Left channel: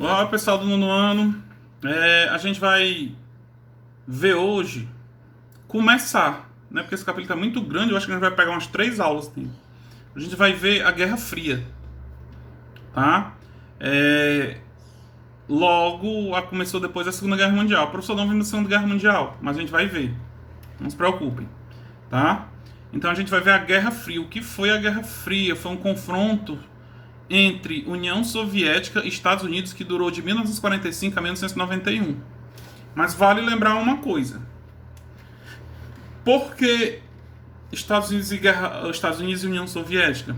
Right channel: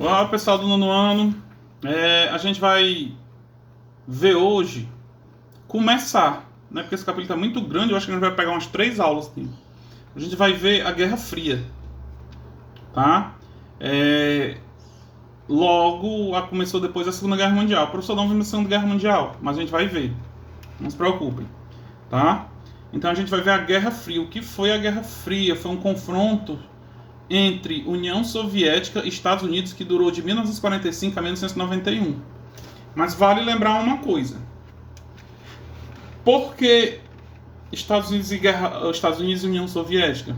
Olá, pessoal do nono ano. A gente vai ver hoje, começar, né? Porque esse capítulo está muito grande, eu acho que a gente vai pegar umas 3 aulas dele. A gente vai ver a Guerra Fria, tá? É, Logo, começou depois da Segunda Guerra Mundial. O professor não viu na Segunda Guerra Mundial, mas a gente vai ver. Não se preocupem, tá? Então a gente vai ver a Guerra Fria. O que foi a Guerra Fria? Foi um confronto entre União Soviética e Estados Unidos que durou de 1945 a 1991. Mas vale lembrar uma coisa. Por que Estados Unidos e União Soviética?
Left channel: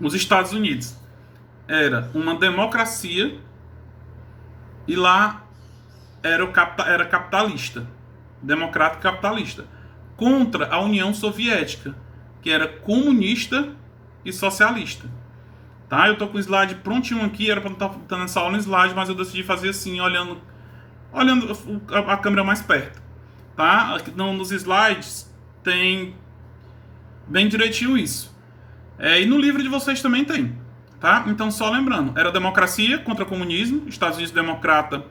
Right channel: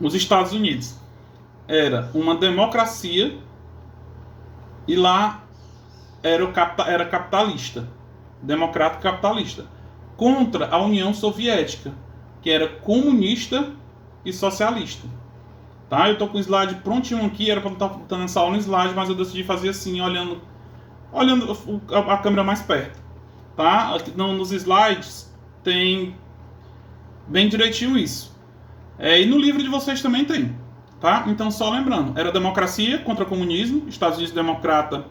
Os Estados Unidos era uma democracia e lá era capitalista, democrático capitalista, contra a União Soviética, que era comunista e socialista. Tá? Eu tô com o slide prontinho aqui, era para estar botando essa aula no slide, mas eu decidi fazer assim, olhando a câmera mais perto. Tá? Aqui, nos slides tem bem direitinho isso. E no livro de vocês também tem. Tá? Então, só lembrando, era democracia contra comunismo, Estados Unidos democrata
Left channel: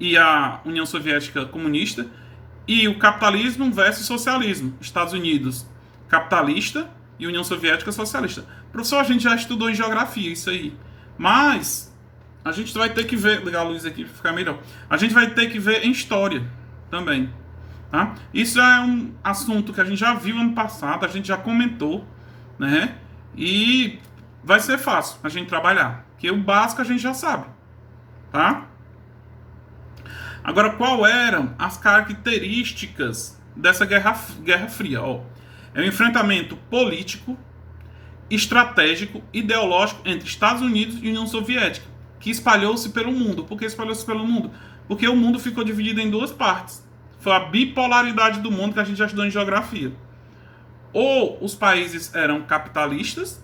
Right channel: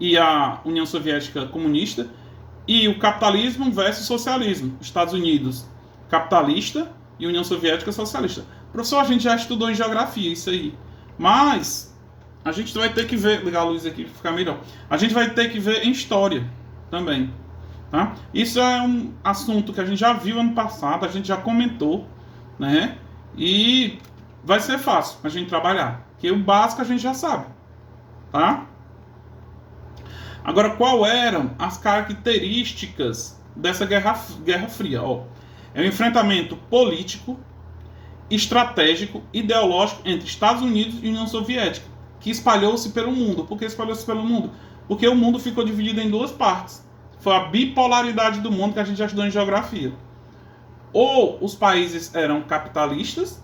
e a União Soviética comunista, e o capitalismo versus socialismo, Estados Unidos capitalista e União Soviética socialista. Professor, a gente já estudou em geografia isso aí, mas a gente vai ter que ver, ligar a luz aqui para ficar melhor, a gente vai ter que ver em história também. Tá? Isso é um assunto que a gente já viu ano passado, a gente já comentou, né? E vai ser fácil a gente trabalhar, porque o básico a gente já sabe, tá? Agora, qual eram as características dessa Guerra Fria? É um enfrentamento político, estratégico, ideológico entre Estados Unidos e União Soviética, que espalhou-se pelo mundo. Por que espalhou-se pelo mundo? Porque o mundo ficou dividido em duas partes. Foi a bipolaridade do mundo que a gente já estudou em geografia. Ou os países eram capitalistas,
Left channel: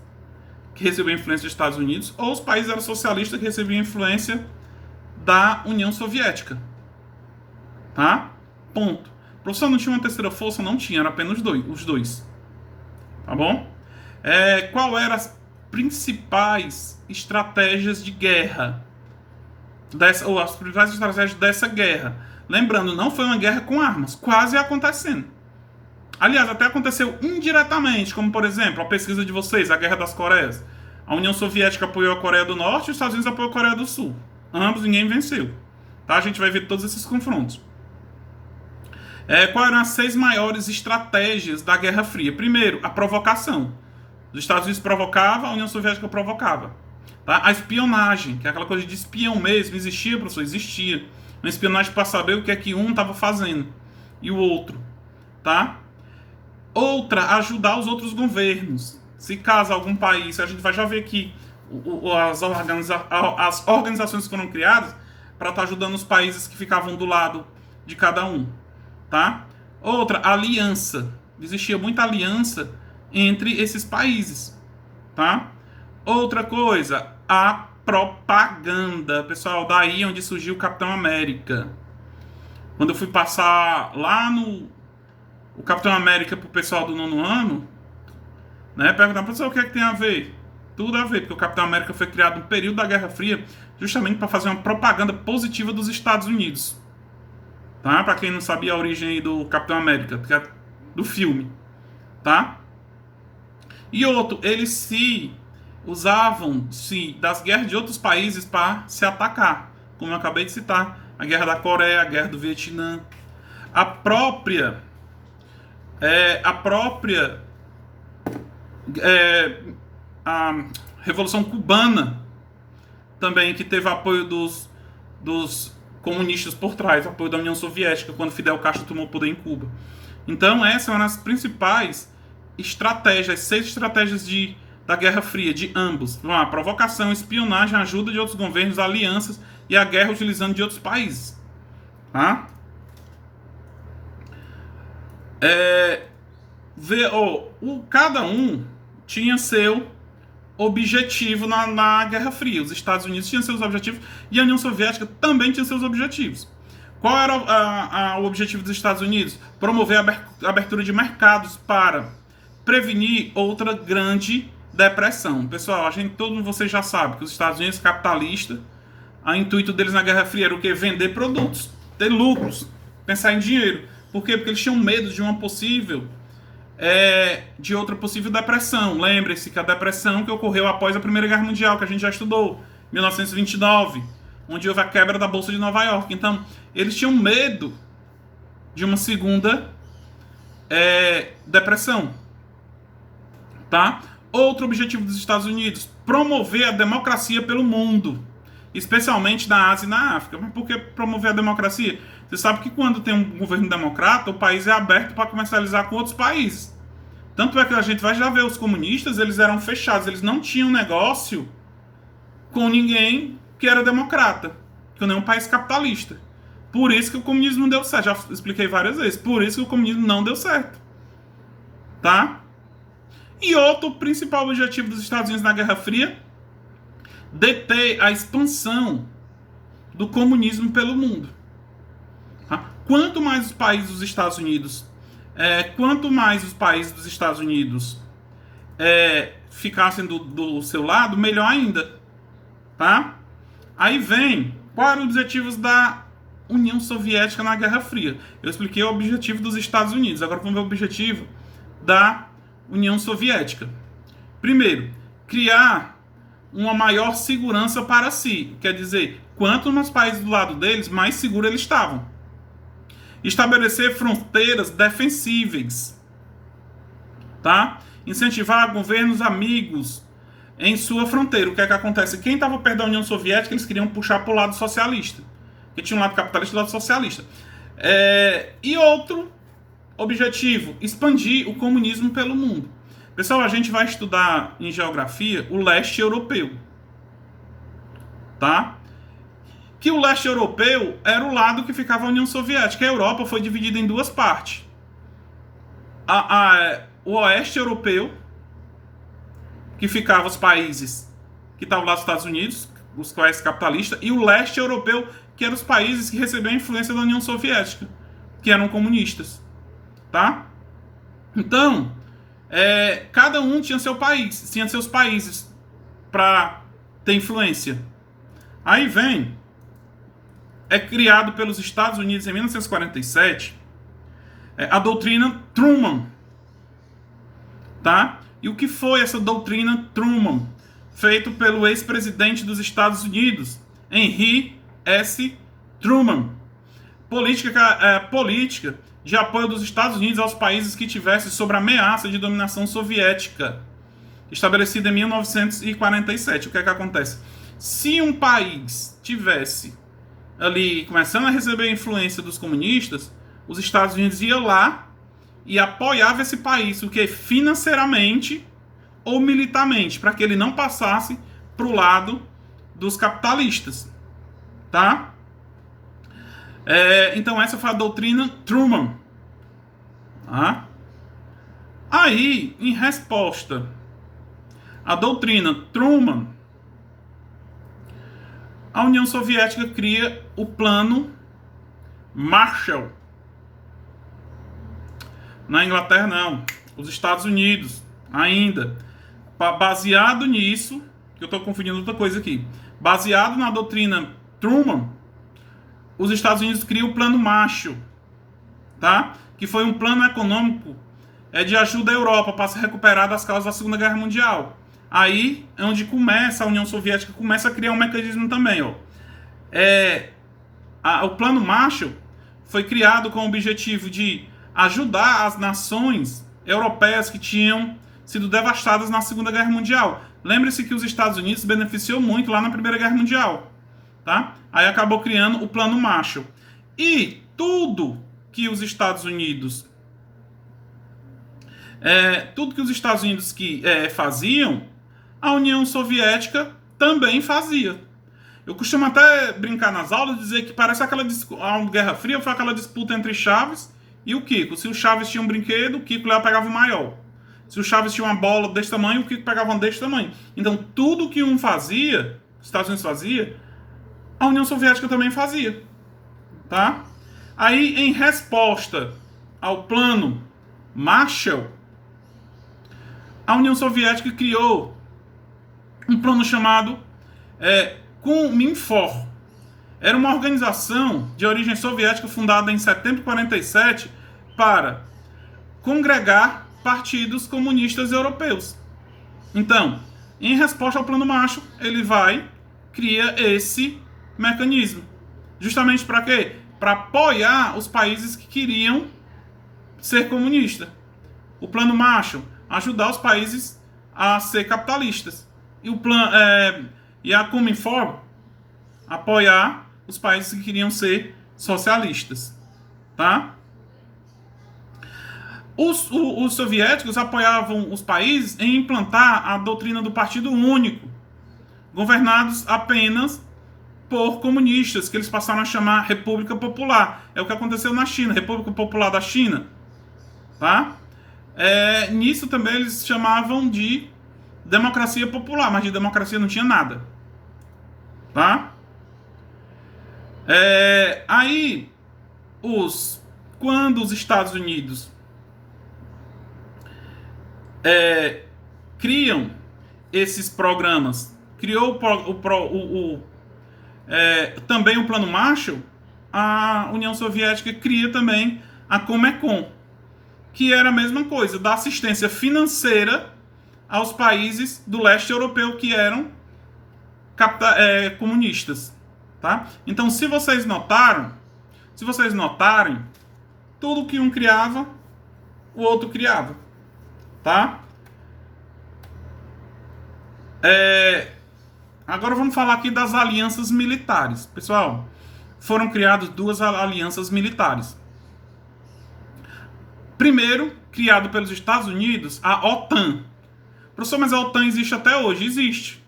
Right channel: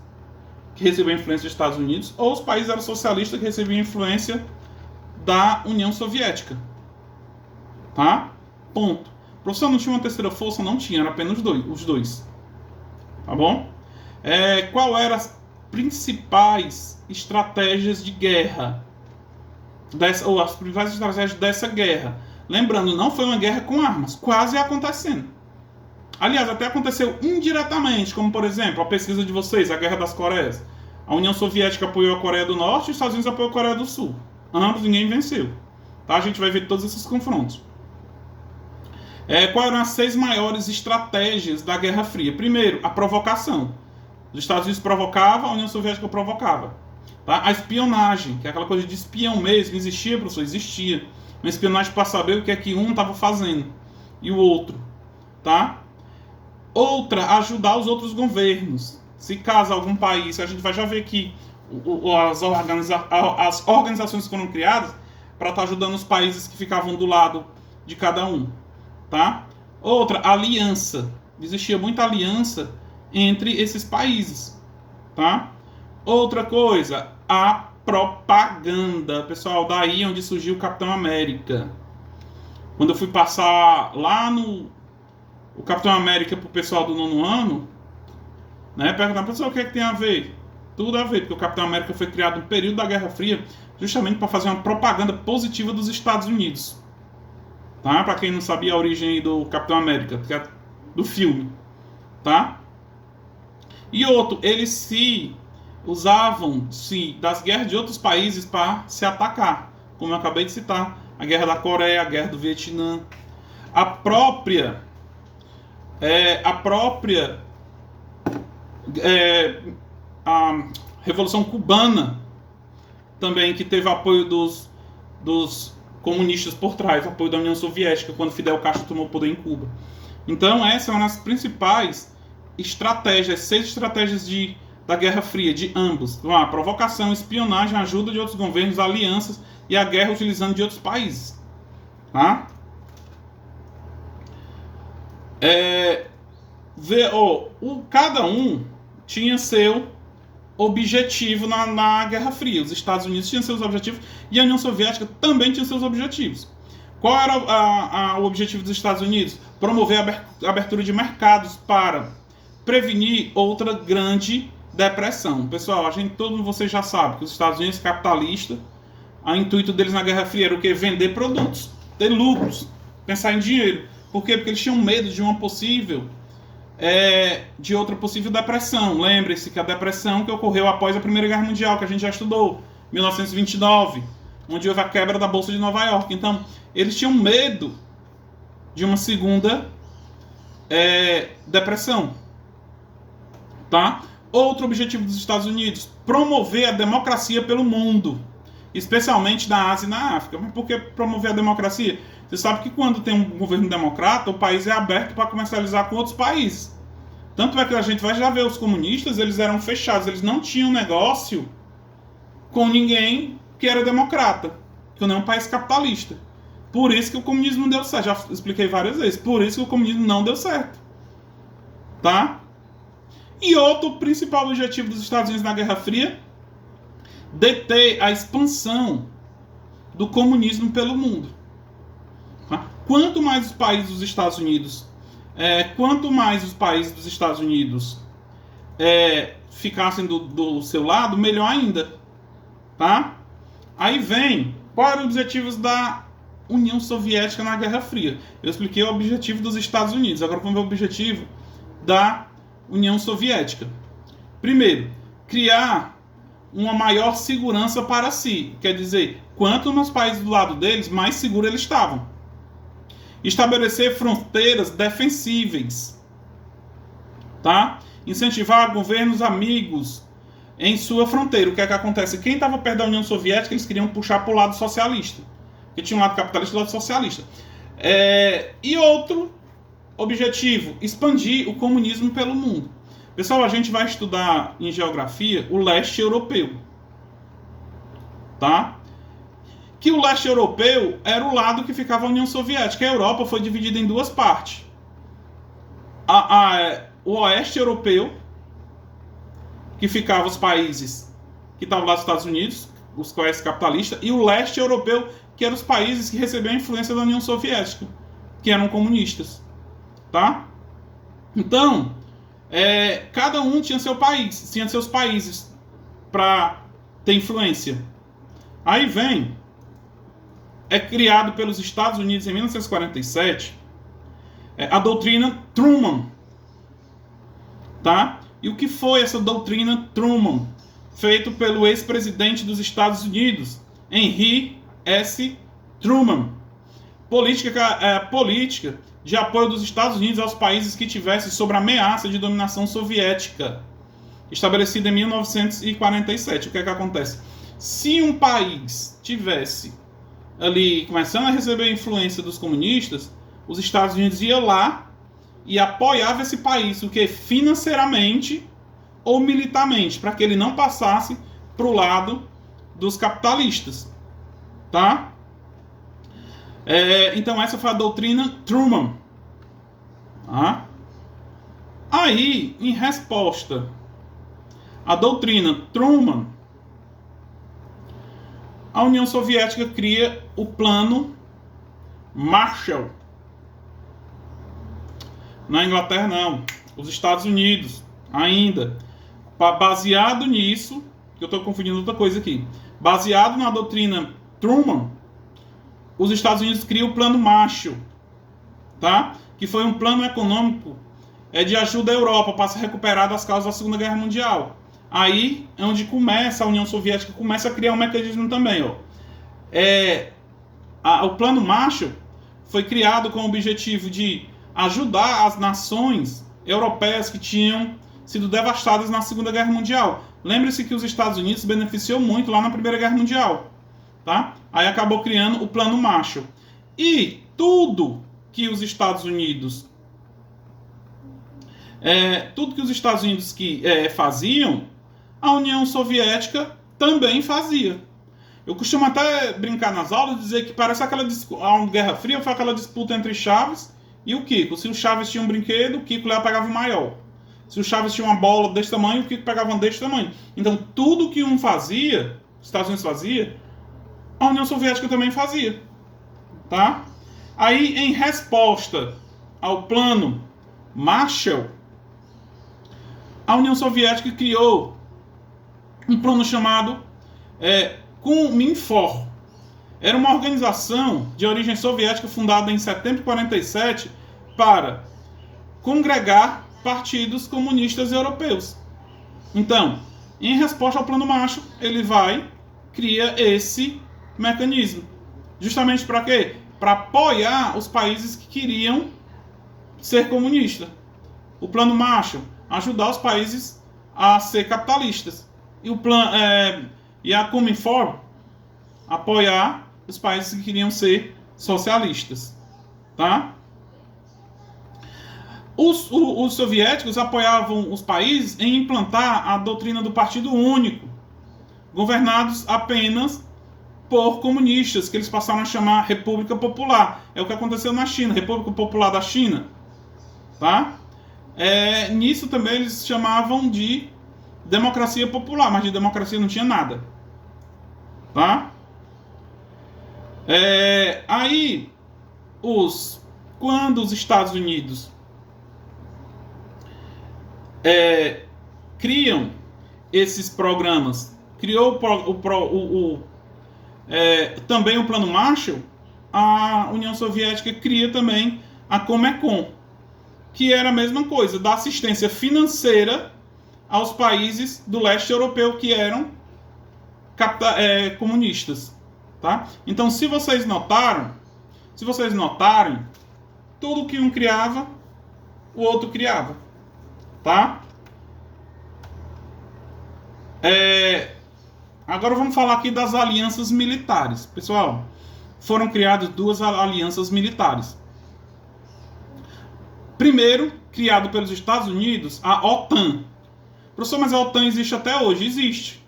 que recebiam influência dos Estados Unidos, ou os países eram socialistas, que recebiam influência da União Soviética. Tá? Ponto. O professor não tinha uma terceira força? Não tinha, era apenas os dois. Tá bom? Qual eram as principais estratégias de guerra? Ou as principais estratégias dessa guerra? Lembrando, não foi uma guerra com armas, quase acontecendo. Aliás, até aconteceu indiretamente, como por exemplo, a pesquisa de vocês, a Guerra das Coreias. A União Soviética apoiou a Coreia do Norte e os Estados Unidos apoiou a Coreia do Sul. Ambos, ninguém venceu. Tá? A gente vai ver todos esses confrontos. Quais eram as 6 maiores estratégias da Guerra Fria? Primeiro, a provocação. Os Estados Unidos provocavam, a União Soviética provocava. Tá? A espionagem, que é aquela coisa de espião mesmo, existia, professor? Existia. Uma espionagem para saber o que é que um estava fazendo e o outro. Tá? Outra, ajudar os outros governos. Se caso algum país, a gente vai já ver aqui as organizações que foram criadas para estar ajudando os países que ficavam do lado de cada um. Tá? Outra, aliança. Existia muita aliança entre esses países. Tá? Outra coisa, a propaganda. Pessoal, daí onde surgiu o Capitão América. Quando eu fui passar lá o Capitão América pro pessoal do nono ano, né, perguntando, professor, o que é que tem a ver? Tudo a ver, porque o Capitão América foi criado no período da Guerra Fria justamente para fazer uma propaganda positiva dos Estados Unidos. Tá? Para quem não sabia a origem do Capitão América, que é do filme. Tá? E outro, eles se usavam das guerras de outros países para se atacar. Como eu acabei de citar, a Guerra da Coreia, a Guerra do Vietnã. A própria a Revolução Cubana também, que teve apoio dos comunistas por trás, apoio da União Soviética, quando Fidel Castro tomou o poder em Cuba. Então, essas são as principais estratégias, 6 estratégias da Guerra Fria, de ambos. A provocação, espionagem, ajuda de outros governos, alianças e a guerra utilizando de outros países. Tá? Cada um tinha seu objetivo na Guerra Fria. Os Estados Unidos tinham seus objetivos e a União Soviética também tinha seus objetivos. Qual era o objetivo dos Estados Unidos? Promover a abertura de mercados para prevenir outra grande depressão. Pessoal, todo mundo, vocês já sabem que os Estados Unidos é capitalista, O intuito deles na Guerra Fria era o quê? Vender produtos, ter lucros, pensar em dinheiro. Por quê? Porque eles tinham medo de uma possível, de outra possível depressão. Lembre-se que a depressão que ocorreu após a Primeira Guerra Mundial, que a gente já estudou, 1929, onde houve a quebra da Bolsa de Nova York. Então, eles tinham medo de uma segunda depressão. Tá? Outro objetivo dos Estados Unidos: promover a democracia pelo mundo, especialmente na Ásia e na África. Mas por que promover a democracia? Você sabe que quando tem um governo democrata, o país é aberto para comercializar com outros países. Tanto é que a gente vai já ver os comunistas, eles eram fechados, eles não tinham negócio com ninguém que era democrata, que não é um país capitalista. Por isso que o comunismo não deu certo. Já expliquei várias vezes. Por isso que o comunismo não deu certo. Tá? E outro principal objetivo dos Estados Unidos na Guerra Fria: deter a expansão do comunismo pelo mundo. Tá? Quanto mais os países dos Estados Unidos ficassem do seu lado, melhor ainda. Tá? Aí vem, quais eram os objetivos da União Soviética na Guerra Fria? Eu expliquei o objetivo dos Estados Unidos, agora vamos ver o objetivo da União Soviética. Primeiro, criar uma maior segurança para si. Quer dizer, quanto mais países do lado deles, mais seguros eles estavam. Estabelecer fronteiras defensíveis. Tá? Incentivar governos amigos em sua fronteira. O que é que acontece? Quem estava perto da União Soviética, eles queriam puxar para o lado socialista. Porque tinha um lado capitalista e um lado socialista. E outro objetivo: expandir o comunismo pelo mundo. Pessoal, a gente vai estudar em geografia o leste europeu. Tá? Que o leste europeu era o lado que ficava a União Soviética. A Europa foi dividida em duas partes. O oeste europeu, que ficava os países que estavam lá dos Estados Unidos, os países capitalistas, e o leste europeu, que eram os países que recebiam a influência da União Soviética, que eram comunistas. Tá? Então, cada um tinha seu país, tinha seus países para ter influência. Aí vem, criado pelos Estados Unidos em 1947, a doutrina Truman. Tá? E o que foi essa doutrina Truman? Feito pelo ex-presidente dos Estados Unidos, Henry S. Truman. Política de apoio dos Estados Unidos aos países que tivessem sob ameaça de dominação soviética, estabelecida em 1947. O que é que acontece? Se um país tivesse ali começando a receber a influência dos comunistas, os Estados Unidos iam lá e apoiava esse país, o que financeiramente ou militarmente, para que ele não passasse para o lado dos capitalistas. Tá? Então essa foi a doutrina Truman. Tá? Aí, em resposta à doutrina Truman, a União Soviética cria o Plano Marshall. Na Inglaterra não, os Estados Unidos ainda. Baseado nisso, que eu estou confundindo outra coisa aqui, baseado na doutrina Truman, os Estados Unidos criam o Plano Marshall, tá? Que foi um plano econômico de ajuda à Europa para se recuperar das causas da Segunda Guerra Mundial. Aí é onde começa a União Soviética, começa a criar um mecanismo também. O Plano Marshall foi criado com o objetivo de ajudar as nações europeias que tinham sido devastadas na Segunda Guerra Mundial. Lembre-se que os Estados Unidos se beneficiou muito lá na Primeira Guerra Mundial. Tá? Aí acabou criando o Plano Marshall. E tudo que os Estados Unidos faziam, a União Soviética também fazia. Eu costumo até brincar nas aulas, dizer que parece a Guerra Fria foi aquela disputa entre Chaves e o Kiko. Se o Chaves tinha um brinquedo, o Kiko lá pegava o maior. Se o Chaves tinha uma bola desse tamanho, o Kiko pegava uma desse tamanho. Então, tudo que um fazia, os Estados Unidos fazia, a União Soviética também fazia. Tá? Aí, em resposta ao Plano Marshall, a União Soviética criou um plano chamado Kuminfor. Era uma organização de origem soviética fundada em setembro de 47 para congregar partidos comunistas europeus. Então, em resposta ao Plano Marshall, ele cria esse mecanismo. Justamente para quê? Para apoiar os países que queriam ser comunistas. O Plano Marshall, ajudar os países a ser capitalistas. E a Cominform, apoiar os países que queriam ser socialistas. Tá? Os soviéticos apoiavam os países em implantar a doutrina do Partido Único, governados apenas por comunistas, que eles passaram a chamar República Popular. É o que aconteceu na China, República Popular da China. Tá? Nisso também eles chamavam de democracia popular, mas de democracia não tinha nada. Tá? Quando os Estados Unidos criam esses programas, criou também o Plano Marshall, a União Soviética cria também a Comecon, que era a mesma coisa, dar assistência financeira aos países do leste europeu que eram comunistas. Tá? Então, se vocês notarem, tudo que um criava, o outro criava. Tá? Agora vamos falar aqui das alianças militares. Pessoal, foram criadas 2 alianças militares. Primeiro, criado pelos Estados Unidos, a OTAN. Professor, mas a OTAN existe até hoje? Existe.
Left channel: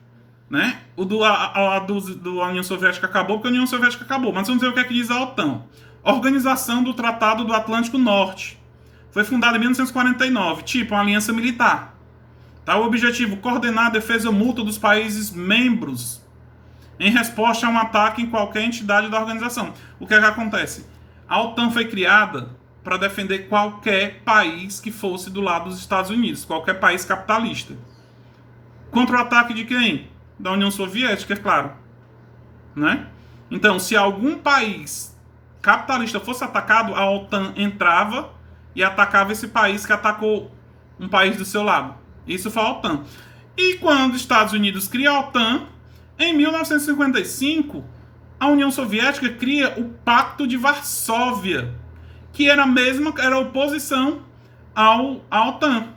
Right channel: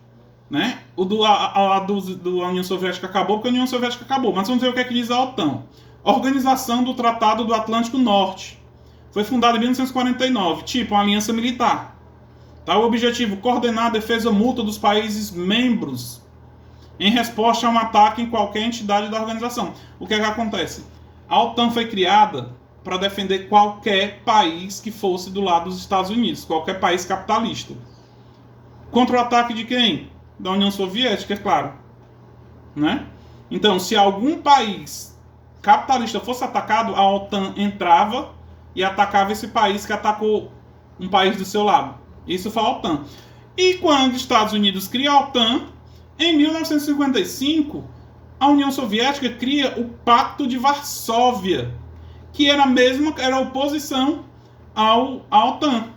Né? Do União Soviética acabou, porque a União Soviética acabou. Mas vamos ver o que é que diz a OTAN. Organização do Tratado do Atlântico Norte. Foi fundada em 1949, tipo uma aliança militar. Tá? O objetivo, coordenar a defesa mútua dos países membros em resposta a um ataque em qualquer entidade da organização. O que é que acontece? A OTAN foi criada para defender qualquer país que fosse do lado dos Estados Unidos, qualquer país capitalista. Contra o ataque de quem? Da União Soviética, é claro. Né? Então, se algum país capitalista fosse atacado, a OTAN entrava e atacava esse país que atacou um país do seu lado. Isso foi a OTAN. E quando os Estados Unidos cria a OTAN, em 1955, a União Soviética cria o Pacto de Varsóvia, que era oposição à OTAN,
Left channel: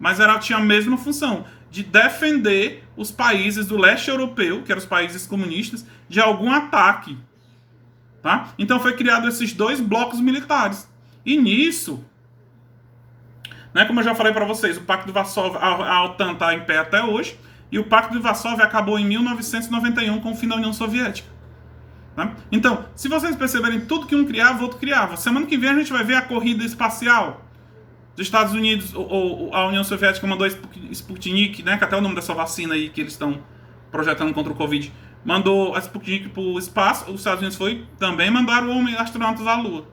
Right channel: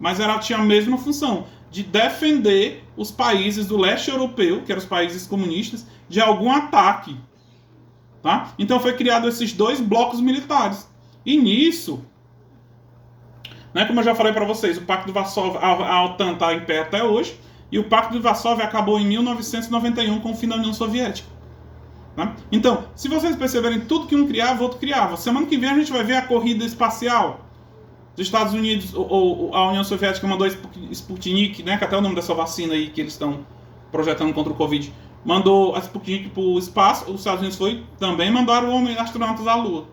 mas tinha a mesma função, de defender os países do leste europeu, que eram os países comunistas, de algum ataque. Tá? Então foi criado esses 2 blocos militares. E nisso, né, como eu já falei para vocês, o Pacto de Varsóvia, a OTAN está em pé até hoje, e o Pacto de Varsóvia acabou em 1991 com o fim da União Soviética. Tá? Então, se vocês perceberem, tudo que um criava, o outro criava. Semana que vem a gente vai ver a corrida espacial dos Estados Unidos, ou a União Soviética mandou Sputnik, né, que até é o nome dessa vacina aí que eles estão projetando contra o Covid, mandou a Sputnik para o espaço, os Estados Unidos também mandaram astronautas à Lua.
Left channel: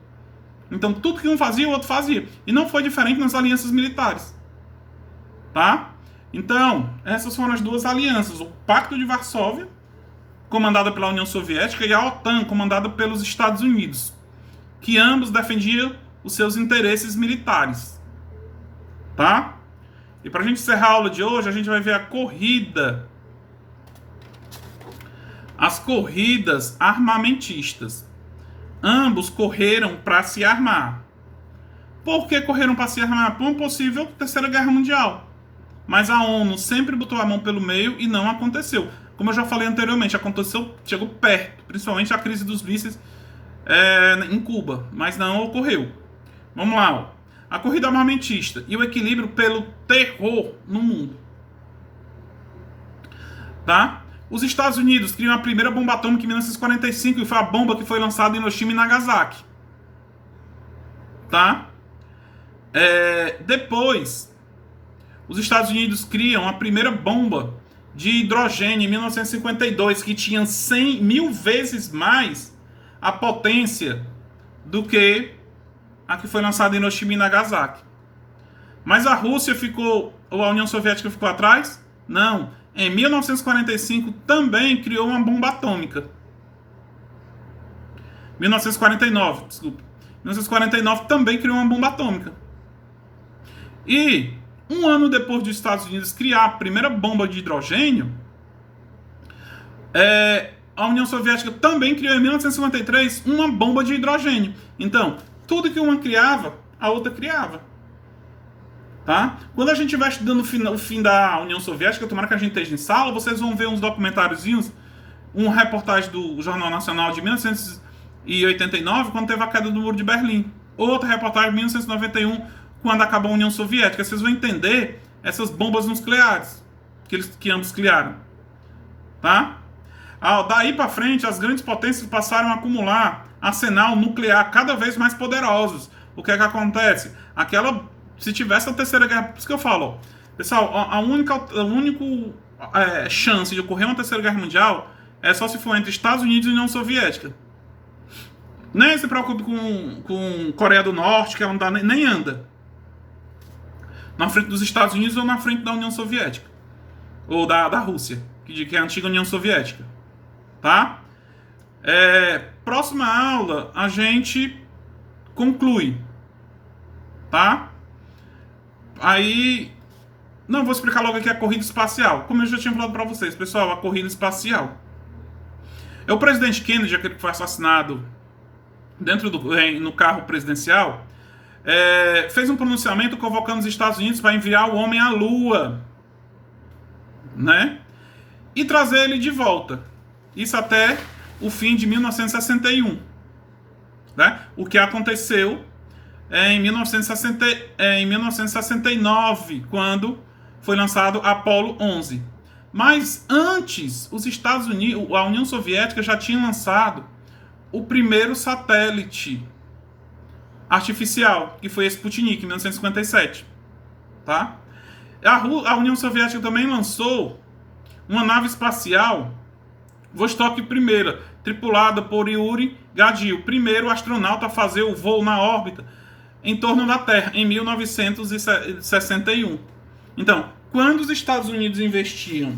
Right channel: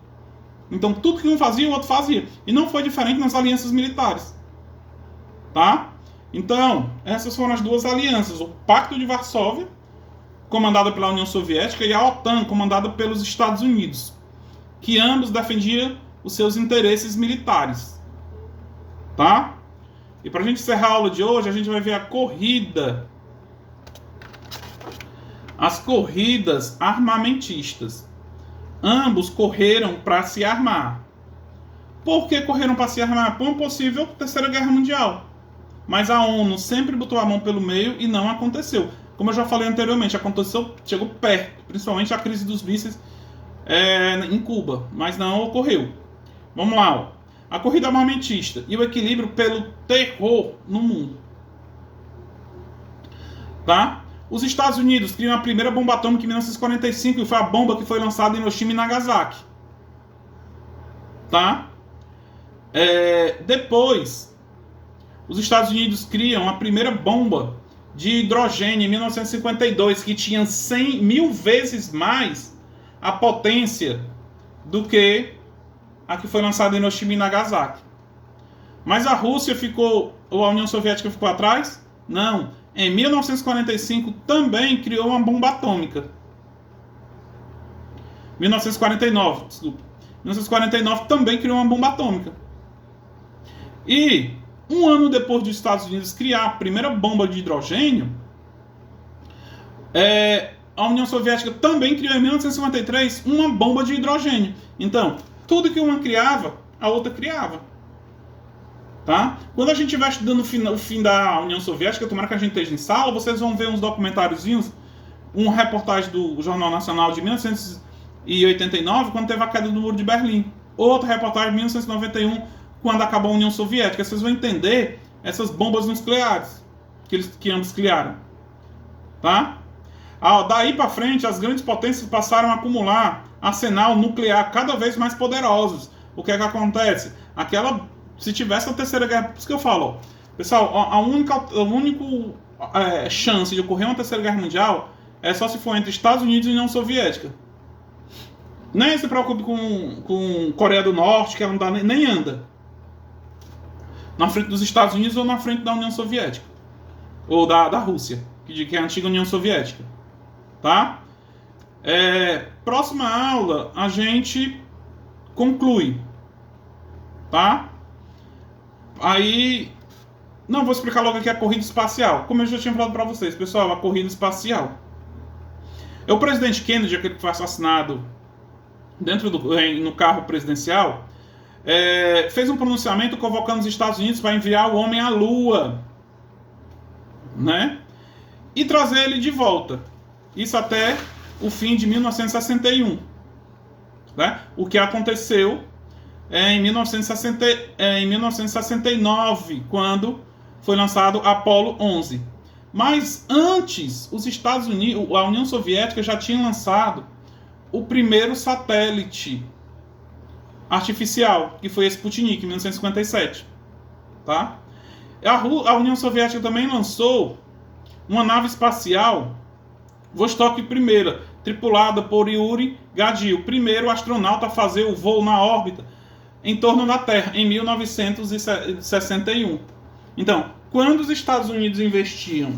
Então, tudo que um fazia, o outro fazia. E não foi diferente nas alianças militares. Tá? Então, essas foram as 2 alianças. O Pacto de Varsóvia, comandada pela União Soviética, e a OTAN, comandada pelos Estados Unidos, que ambos defendiam os seus interesses militares. Tá? E para a gente encerrar a aula de hoje, a gente vai ver a corrida. As corridas armamentistas. Ambos correram para se armar. Por que correram para se armar? Por uma possível Terceira Guerra Mundial. Mas a ONU sempre botou a mão pelo meio e não aconteceu. Como eu já falei anteriormente, chegou perto, principalmente a crise dos mísseis em Cuba, mas não ocorreu. Vamos lá, ó. A corrida armamentista e o equilíbrio pelo terror no mundo. Tá? Os Estados Unidos criam a primeira bomba atômica em 1945 e foi a bomba que foi lançada em Hiroshima e Nagasaki. Tá? Depois, os Estados Unidos criam a primeira bomba de hidrogênio em 1952, que tinha 100.000 vezes mais a potência do que a que foi lançada em Hiroshima e Nagasaki. Mas a Rússia ou a União Soviética ficou atrás? Não. Em 1945 também criou uma bomba atômica. 1949, desculpa. 1949 também criou uma bomba atômica. E um ano depois dos Estados Unidos criar a primeira bomba de hidrogênio, a União Soviética também criou em 1953 uma bomba de hidrogênio. Então, tudo que uma criava, a outra criava. Tá? Quando a gente estiver estudando o fim da União Soviética, tomara que a gente esteja em sala, vocês vão ver uns documentáriozinhos, uma reportagem do Jornal Nacional de 1989, quando teve a queda do Muro de Berlim. Outra reportagem de 1991, quando acabou a União Soviética. Vocês vão entender essas bombas nucleares que ambos criaram. Tá? Daí para frente, as grandes potências passaram a acumular arsenal nuclear cada vez mais poderosos. O que é que acontece? Se tivesse a terceira guerra, por isso que eu falo, pessoal, a única chance de ocorrer uma terceira guerra mundial é só se for entre Estados Unidos e União Soviética. Nem se preocupe com Coreia do Norte, que ela não dá, nem anda na frente dos Estados Unidos ou na frente da União Soviética. Ou da Rússia, que é a antiga União Soviética. Tá? Próxima aula, a gente conclui. Tá? Aí, não vou explicar logo aqui a corrida espacial. Como eu já tinha falado para vocês, pessoal, a corrida espacial. O presidente Kennedy, aquele que foi assassinado no carro presidencial, fez um pronunciamento convocando os Estados Unidos para enviar o homem à Lua, né? E trazer ele de volta. Isso até o fim de 1961. Né? O que aconteceu em 1969, quando foi lançado Apollo 11. Mas antes, os Estados Unidos, a União Soviética já tinha lançado o primeiro satélite artificial, que foi Sputnik, em 1957. Tá? A União Soviética também lançou uma nave espacial, Vostok I, tripulada por Yuri Gagarin, o primeiro astronauta a fazer o voo na órbita em torno da Terra, em 1961. Então, quando os Estados Unidos investiam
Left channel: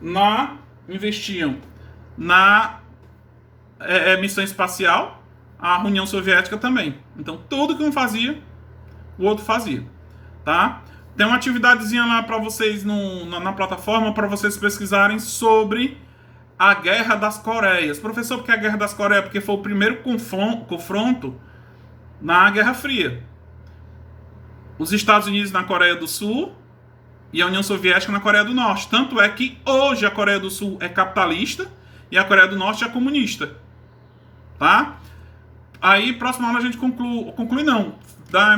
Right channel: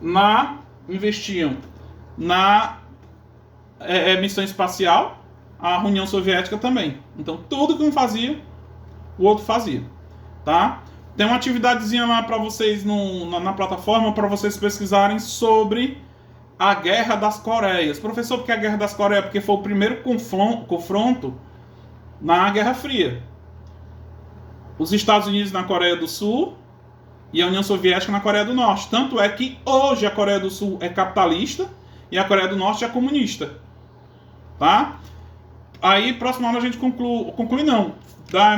na missão espacial, a União Soviética também. Então, tudo que um fazia, o outro fazia. Tá? Tem uma atividadezinha lá para vocês na plataforma, para vocês pesquisarem sobre a Guerra das Coreias. Professor, por que a Guerra das Coreias? Porque foi o primeiro confronto na Guerra Fria. Os Estados Unidos na Coreia do Sul e a União Soviética na Coreia do Norte. Tanto é que hoje a Coreia do Sul é capitalista e a Coreia do Norte é comunista. Tá? Aí, próxima aula a gente conclui não. Dá